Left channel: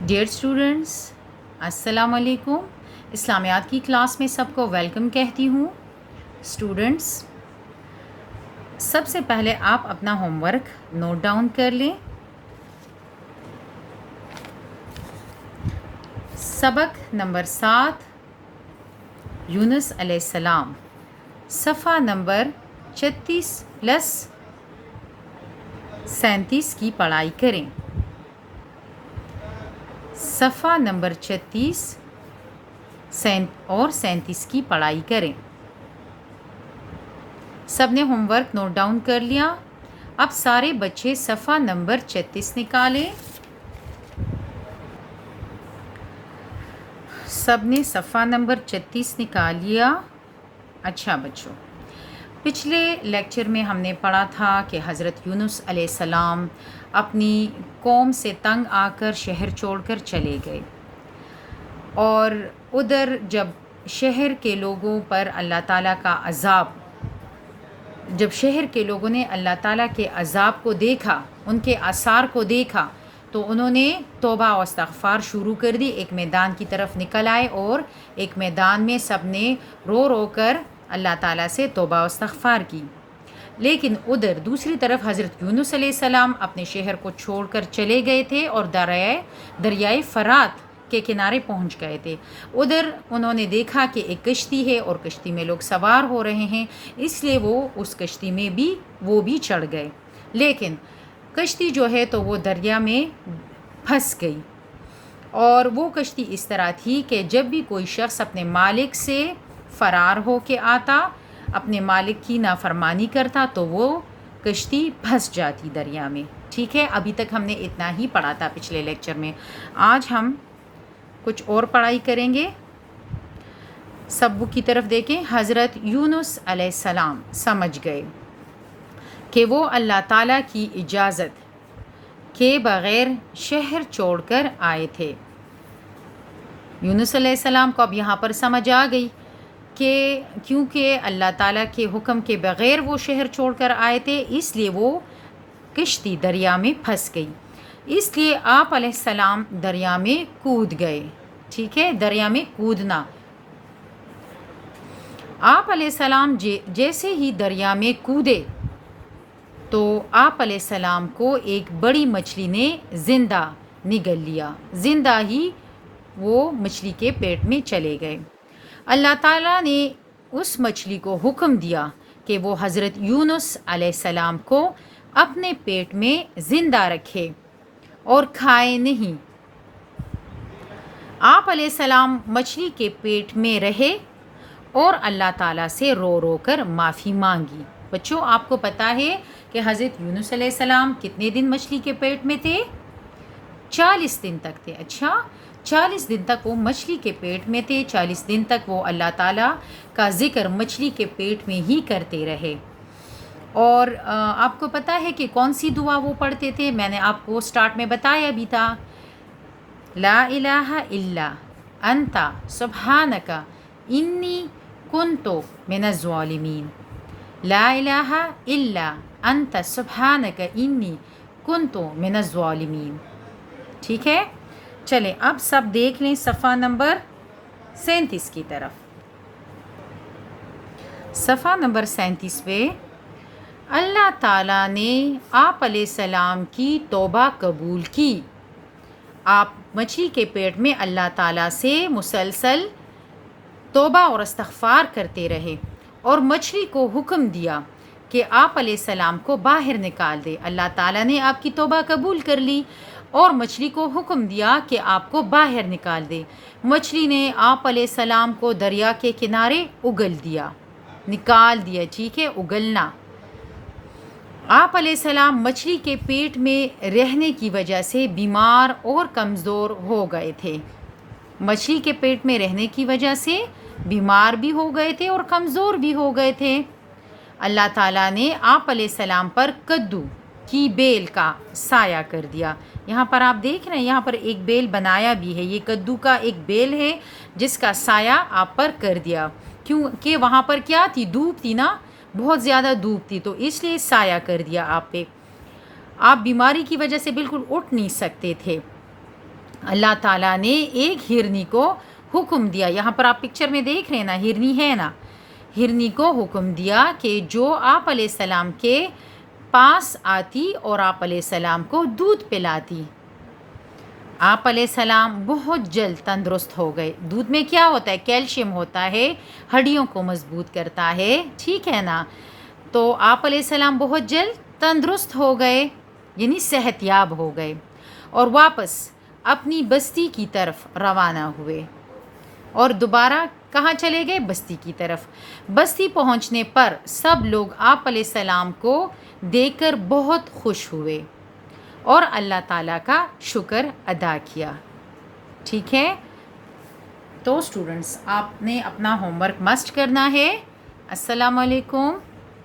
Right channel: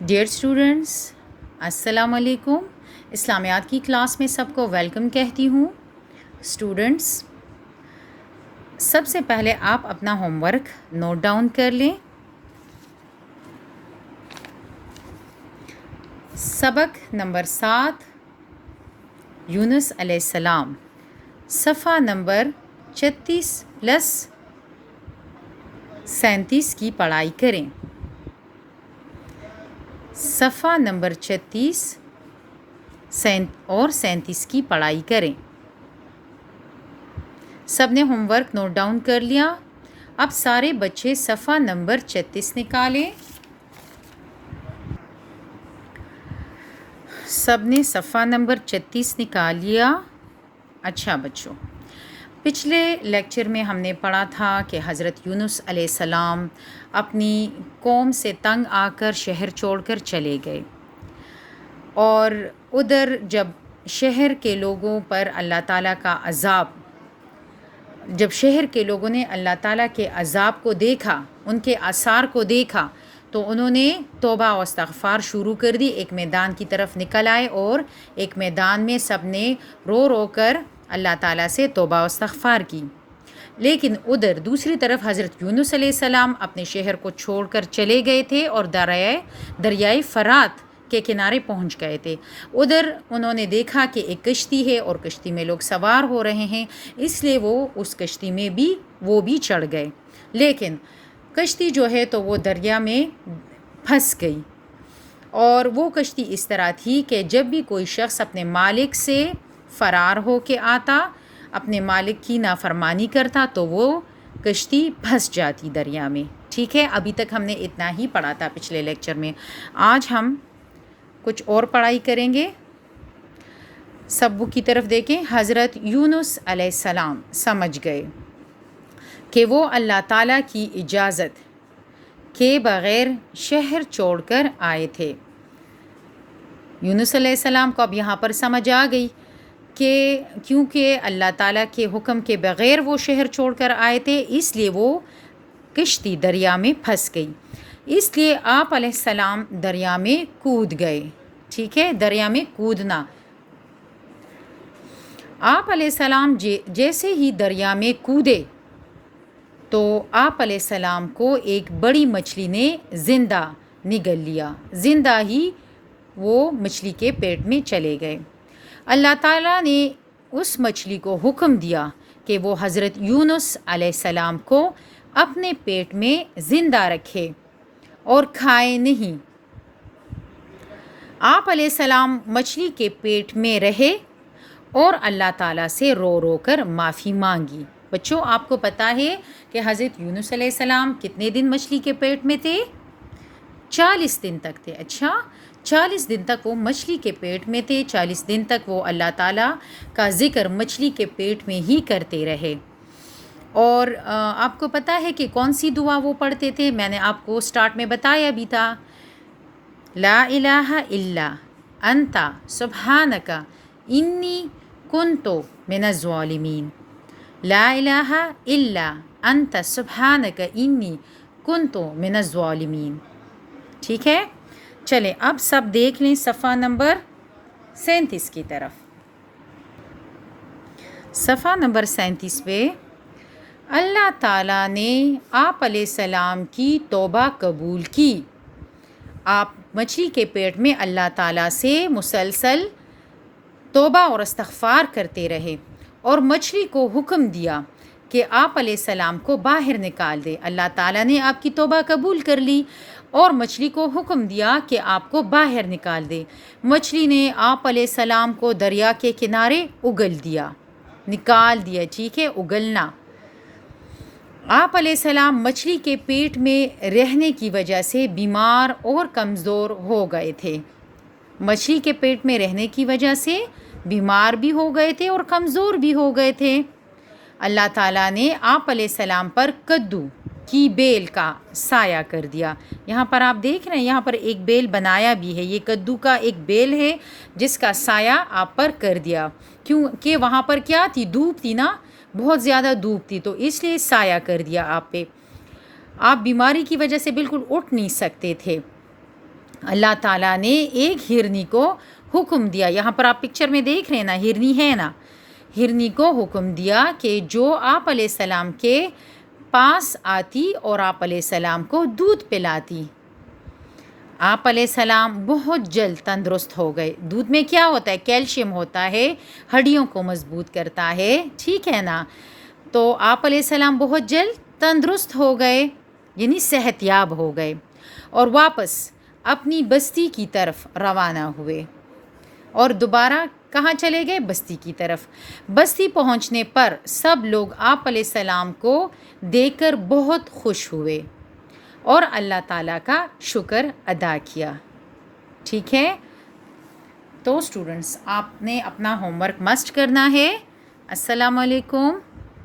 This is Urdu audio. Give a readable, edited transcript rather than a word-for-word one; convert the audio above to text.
ڈیئر اسٹوڈنٹس، السلام علیکم۔ اسلامیات کی کلاس میں سب کو ویلکم کہتی ہوں۔ اسٹوڈنٹس، سب سے پہلے آپ اپنا ہوم ورک نوٹ ڈاؤن کر لیں۔ سبق نمبر 7 یونس علیہ السلام، صفحہ نمبر 36+37 کی پڑھائی کریں۔ صفحہ نمبر 36 اور 37 کی پڑھائی کریں۔ سب نے ہوم ورک نوٹ ڈاؤن کر لیا؟ اب سارے بچے صفحہ نمبر 36 نکالیں۔ سب نے صفحہ نمبر 36 نکال لیا؟ اچھا بچوں، پچھلے لیکچر میں ہم نے پڑھا تھا کہ حضرت یونس علیہ السلام اپنی قوم سے تنگ آ کر شہر چھوڑ کر چلے گئے، اور ادھر جب شہر کے لوگوں پر اللہ تعالیٰ کا عذاب، جب شہر کے لوگوں نے اللہ تعالیٰ کے عذاب کو دیکھا، ان کے آثار کو دیکھا، تو انہوں نے توبہ و استغفار شروع کر دی، ایک میدان کی طرف نکل آئے اور ایک میدان میں سب نے رو رو کر اللہ تعالیٰ سے توبہ و استغفار کی۔ لیکن ادھر دوسری طرف حضرت یونس علیہ السلام اپنے شہر کو چھوڑ کر چلے گئے تھے اور دریائے فرات کے کنارے پہنچ گئے تھے۔ ادھر انہوں نے دیکھا کہ ایک کشتی ہے اور کشتی میں لوگ سوار ہو رہے ہیں، اس لیے وہ اس کشتی میں بھی چڑھ گئے، لیکن کشتی جو ہے تو وہ دریا میں پھنس گئی۔ اور وہ کشتی اس طرح تھی کہ جب بھی کوئی شخص اپنے مالک سے فرار ہو کے آتا، اپنے مالک کی نافرمانی کرتا، تو وہ کشتی پھنس جاتی دریا میں۔ ٹھیک ہے، ابھی تک ہم نے اتنا ہی پڑھا تھا پچھلے لیکچر میں۔ آج ہم کچھ اور پڑھائی کریں گے۔ سب بک کی طرف دیکھیں۔ حضرت یونس علیہ السلام سمجھ گئے کہ وہ اللہ تعالیٰ کی اجازت کے بغیر شہر چھوڑ کر آئے تھے۔ یونس علیہ السلام کو اب یہاں پر سمجھ آ گئی کہ کیونکہ اللہ تعالیٰ کے حکم کے بغیر وہ شہر چھوڑ کر آئے تھے، اس لیے وہ کشتی دریا میں پھنس گئی، اس لیے آپ علیہ السلام دریا میں کود گئے۔ ٹھیک ہے، دریا میں کودنا۔ آپ علیہ السلام جیسے ہی دریا میں کودے تو آپ علیہ السلام کو ایک بڑی مچھلی نے زندہ نگل لیا، زندہ ہی وہ مچھلی کے پیٹ میں چلے گئے۔ اللہ تعالیٰ نے اس مچھلی کو حکم دیا کہ وہ حضرت یونس علیہ السلام کو اپنے پیٹ میں زندہ رکھے اور کھائے نہیں۔ آپ علیہ السلام مچھلی کے پیٹ میں رہے اور اللہ تعالیٰ سے رو رو کر معافی مانگی۔ بچوں، آپ کو پتہ ہے کہ حضرت یونس علیہ السلام کتنے دن مچھلی کے پیٹ میں تھے؟ 40 دن تک تھے۔ اچھا، 40 دن تک وہ مچھلی کے پیٹ میں تھے، 40 دن تک وہ اللہ تعالیٰ کا ذکر مچھلی کے پیٹ میں ہی کرتے رہے۔ اور آپ کو پتہ ہے کہ کون سی دعا وہ پڑھتے تھے؟ میں نے آپ کو سٹارٹ میں بتایا بھی تھا، لا الہ الا انت سبحانک انی کنت من الظالمین، لا الہ الا انت سبحانک انی کنت من الظالمین۔ ٹھیک ہے، چلیں اب سب دیکھ لیں صفحہ نمبر 37 کی طرف۔ صفحہ نمبر 37 پہ اللہ تعالیٰ نے آپ علیہ السلام کی توبہ قبول کی۔ آپ مچھلی کے پیٹ میں اللہ تعالیٰ سے مسلسل توبہ اور استغفار کرتے رہے اور مچھلی کو حکم دیا کہ آپ علیہ السلام کو باہر نکال دے۔ اللہ تعالیٰ نے آپ کی توبہ قبول کر لی اور مچھلی کو حکم دیا کہ آپ کو باہر نکال دے۔ مچھلی نے آپ علیہ السلام کو دریا کے کنارے اگل دیا، نکال دیا۔ ٹھیک ہے، اگلنا۔ آپ علیہ السلام مچھلی کے پیٹ میں رہنے کی وجہ سے بیمار اور کمزور ہو گئے تھے۔ مچھلی کے پیٹ میں رہنے کی وجہ سے بیمار بھی ہو گئے تھے اور کمزور بھی ہو گئے تھے۔ اللہ تعالیٰ نے آپ علیہ السلام پر کدو کی بیل کا سایہ کر دیا۔ یہاں پر آپ دیکھ رہے ہیں، یہاں پر ایک بیل بنایا بھی ہے، یہ کدو کا ایک بیل ہے جس کا سایہ آپ پر کر دیا، کیونکہ وہاں پر کیا تھی؟ دھوپ تھی نا، بہت زیادہ دھوپ تھی، تو اس لیے سایہ کر دیا آپ پہ۔ آپ بیماری کی وجہ سے بالکل اٹھ نہیں سکتے تھے۔ اللہ تعالیٰ نے ایک ہرنی کو حکم دیا، یہاں پر آپ پکچر میں دیکھ رہے ہیں نا، ہرنی ہے نا، ہرنی کو حکم دیا کہ جو آپ علیہ السلام کے پاس آتی اور آپ علیہ السلام کو دودھ پلاتی۔ آپ علیہ السلام بہت جلد تندرست ہو گئے۔ دودھ میں کیا ہوتا ہے؟ کیلشیم ہوتا ہے، ہڈیوں کو مضبوط کرتا ہے، ٹھیک ہے نا؟ تو آپ علیہ السلام بہت جلد تندرست ہو گئے، یعنی صحت یاب ہو گئے، اور واپس اپنی بستی کی طرف روانہ ہوئے۔ اور دوبارہ کہاں چلے گئے؟ بستی کی طرف۔ بستی پہنچنے پر سب لوگ آپ علیہ السلام کو دیکھ کر بہت خوش ہوئے اور اللہ تعالیٰ کا شکر ادا کیا، ٹھیک ہے؟ تو اسٹوڈنٹس، آپ نے اپنا ہوم ورک مسٹ کرنا ہے۔ السلام علیکم۔